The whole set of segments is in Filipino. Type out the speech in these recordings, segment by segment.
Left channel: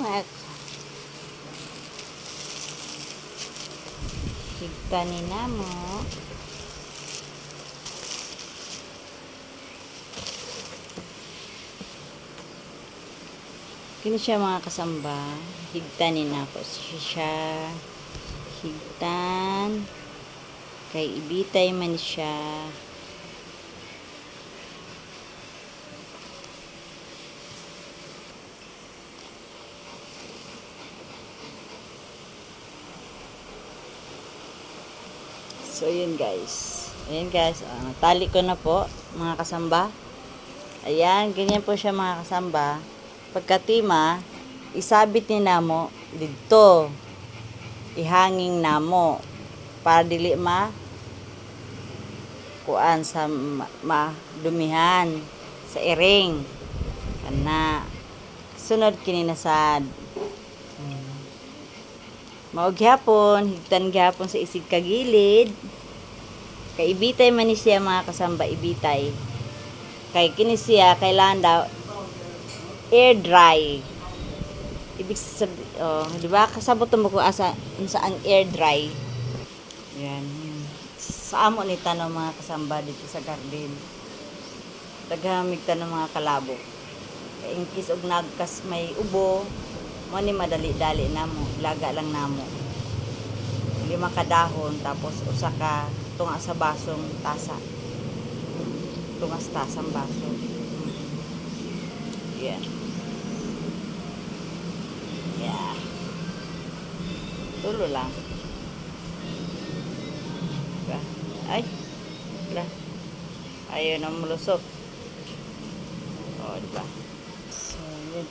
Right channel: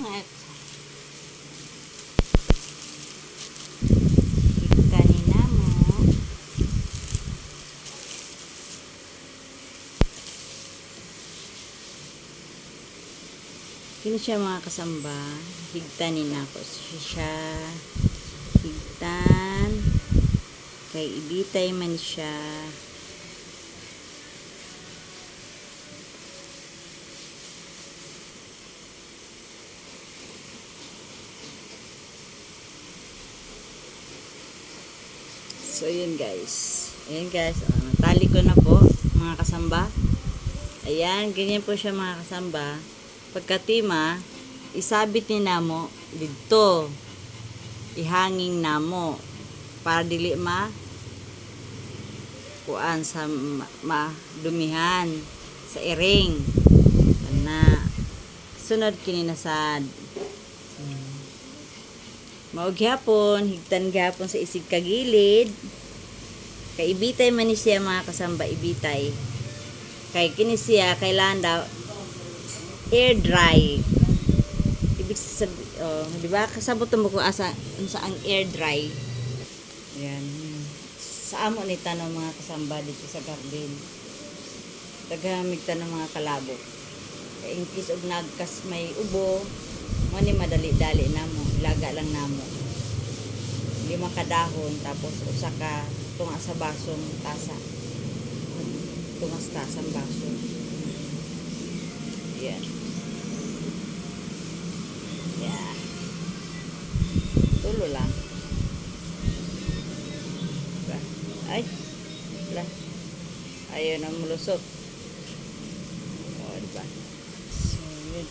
Mga higta ni namo. Kini siya mga kasamba. Higtanin nato siya. Higtan. Kay ibitay man siya. So, yun guys. Ayan guys. Tali ko na po, mga kasamba. Ayan, ganyan po siya mga kasamba. Pagkatima, isabit ni namo dito. Ihanging namo. Para dili kuan sa madumihan sa iring. Kana. Sunod kininasad. Maog gyapon, higtan gyapon sa isig kagilid. Kay ibitay man ni siya mga kasamba, ibitay. Kay kini siya kailangan daw air dry. Ibig sabihin, di ba? Kasabot mo ko asa ang air dry. Yan. Sa amo ni tanong mga kasamba dito sa garden. Paghamig ta ng mga kalabo. In case og nagkas may ubo, mo ni madali-dali namo, laga lang namo. 5 kadahon tapos usa ka tunga sa basong tasa. Tungas tasang baso. Yan. Yeah. Tulo lang. Ay. Lah. Ayaw na mulusot. Diba? So, yun.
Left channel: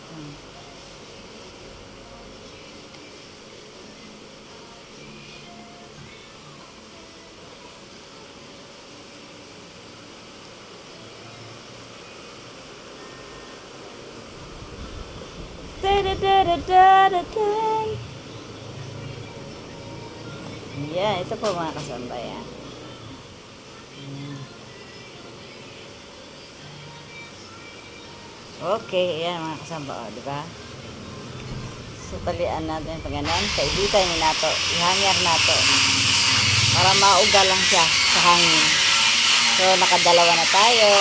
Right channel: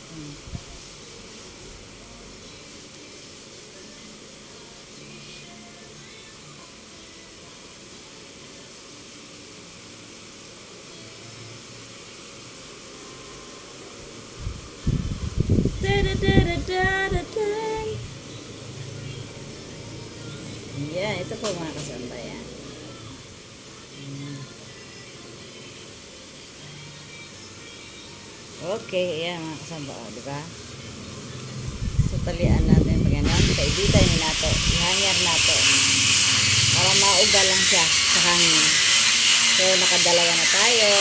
Yeah, ito po mga kasamba yan. Okay, yan mga kasamba, diba? So, talian natin pag ganun. Kaibitay mo nato, ihanyar nato. Para mauga lang siya sa hangin. So, nakadalawa na tayo.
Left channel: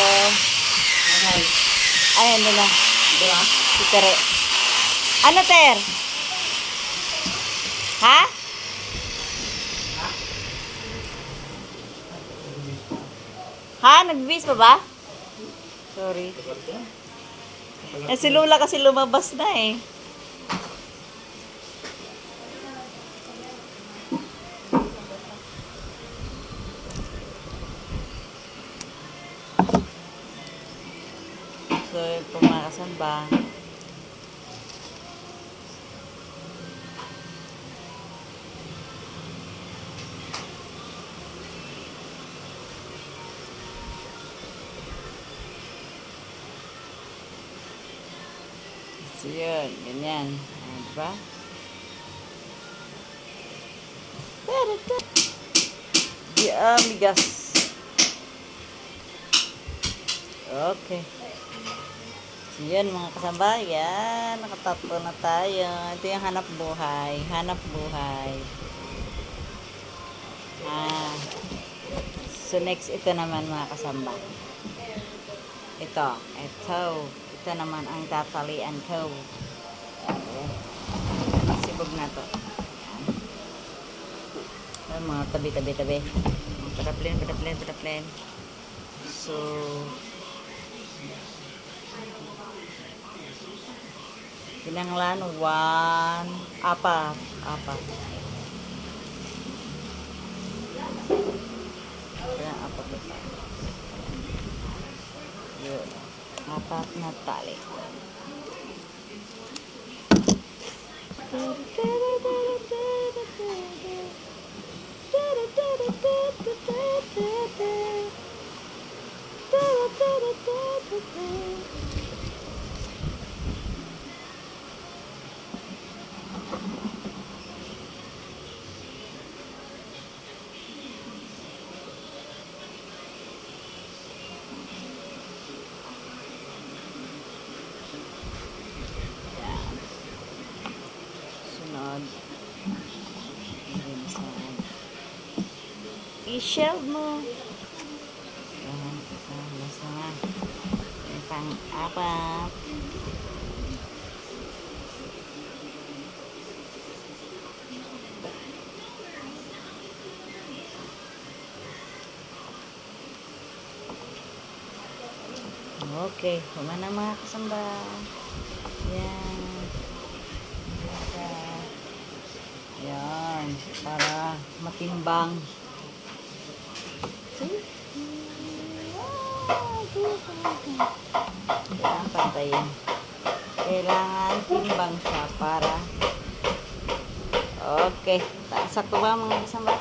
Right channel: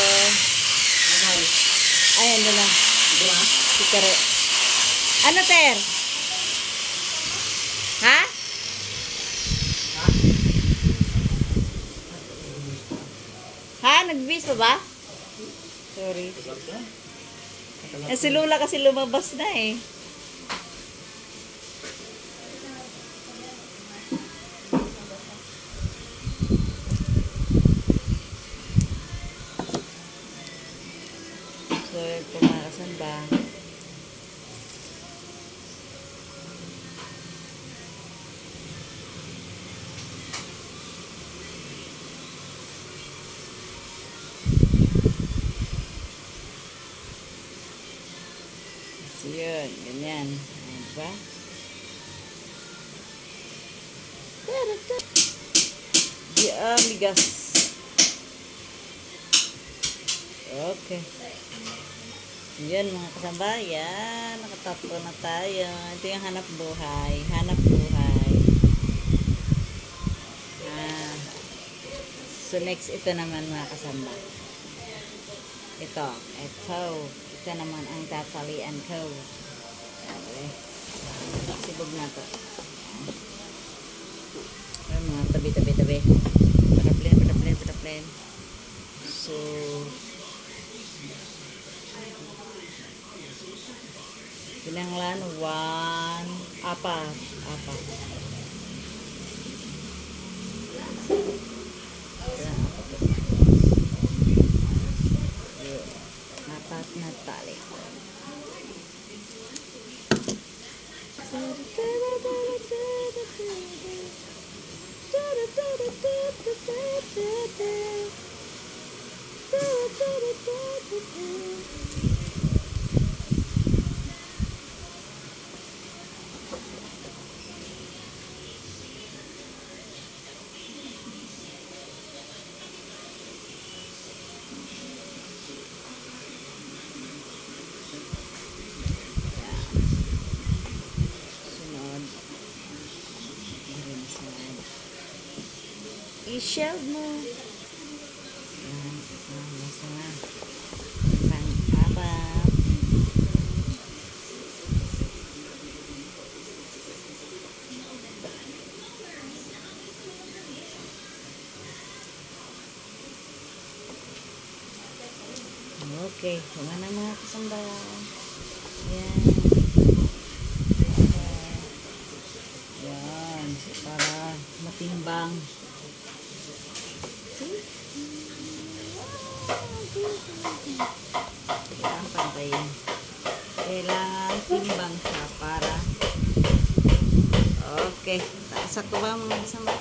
Ayun na. Diba? Si Tere. Ano, Ter? Ha? Ha? Nag-bis pa ba? Sorry. Si Lola kasi lumabas na eh. So, ito mga kasamba. So, yun. Ganyan. Diba? Di amigas. Okay. So, yun mga kasamba. Yan. Nakatapo na tayo. Ito yung hanap buhay. Hanap buhay. So, next ito naman mga kasamba. Ito. Ito naman ang tatalian ko. Sibog na to. Ayan, mga tabi. Pataplen. So, kinanglan, 4. Ayan, 4 na. Yun. 4 na tali. i-share mo. Ayan, nasa pang-apat. Okay, kuma na mga kasamba. Yan. Yan, para matimbang. Kailangan pantayin. Kailangan timbang siya para okay. Sakto ba mga kasamba?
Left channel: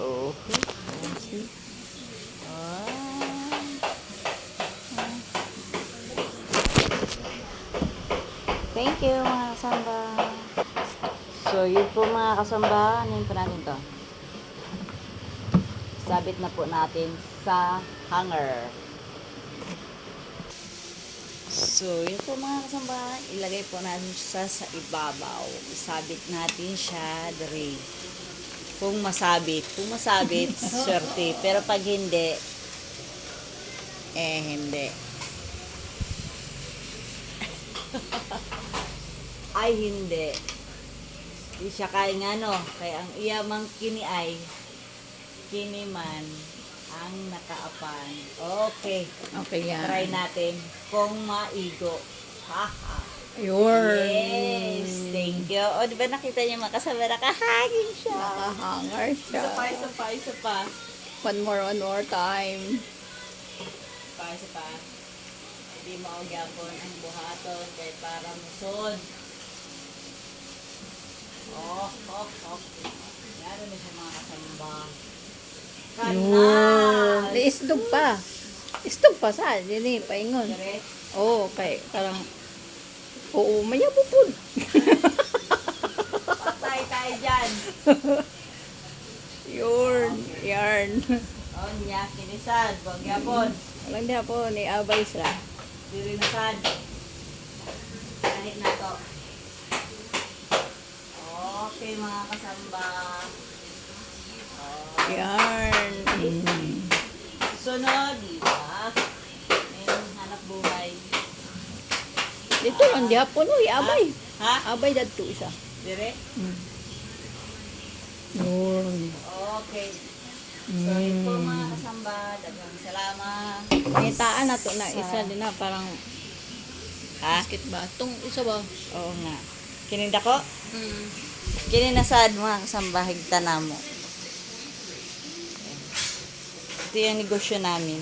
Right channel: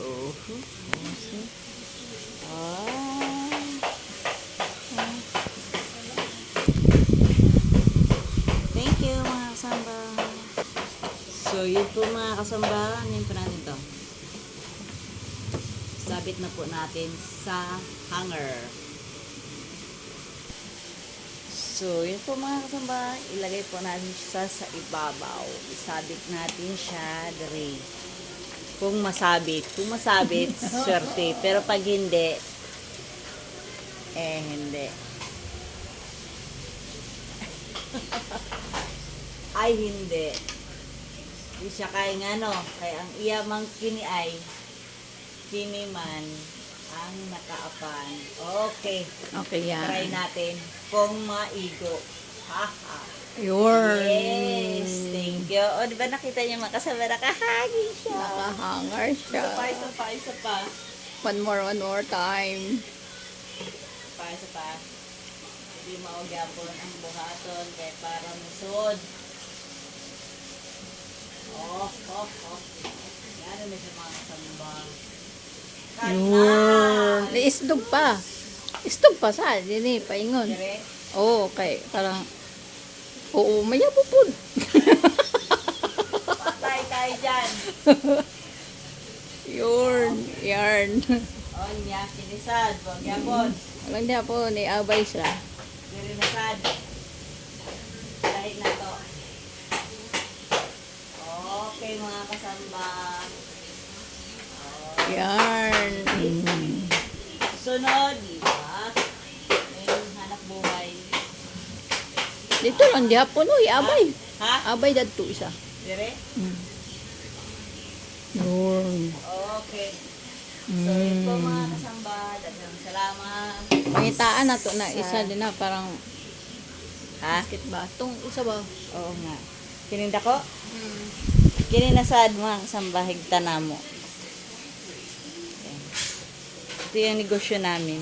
Okay. Thank you mga kasamba. So yun po mga kasamba, ano po natin to? Sabit na po natin sa hanger. So yun po mga kasamba, ilagay po natin siya sa ibabaw. Isabit natin siya dere. Kung masabit, swerte. Pero pag hindi, hindi. Ay, hindi. Di siya kaya nga, no? Kaya ang iyamang kini ay, kini man ang nakaapan. Okay. Okay, yan. Try natin kung maigo. Haha. Yun. Yes. Thank you. O, di ba nakita niyo mga kasama, nakahaging siya. Nakahangar siya. Isa pa. One more time. Isa pa. Hindi maugyapon ang buhaton kay para musod. Oh. Yan may sa mga kasamba. Yun. Iisdog pa. Isdog pa sa. Dini, paingon. Dire. Oo, okay. Parang, oo, mayabupod. Patay tayo dyan. Yun. Yarn. O niya, kinisad. Bugyapon. Alam niya po, ni-abay siya. Diri nasad. Kahit na to. Okay mga kasamba. Yarn. Sunod, di ba? Ngayong hanap buhay. Dito lang diya po, no, i-abay. Ha? Abay dadto siya. Dire? Yun. Okay. So, yun po mga kasamba. Daghang salamat. Pangitaan na to na isa din na parang Ha? basket ba? Tong isa ba? Oo nga. Kininda ko? Kininasad mga kasamba, higta na mo. Ito yung negosyo namin.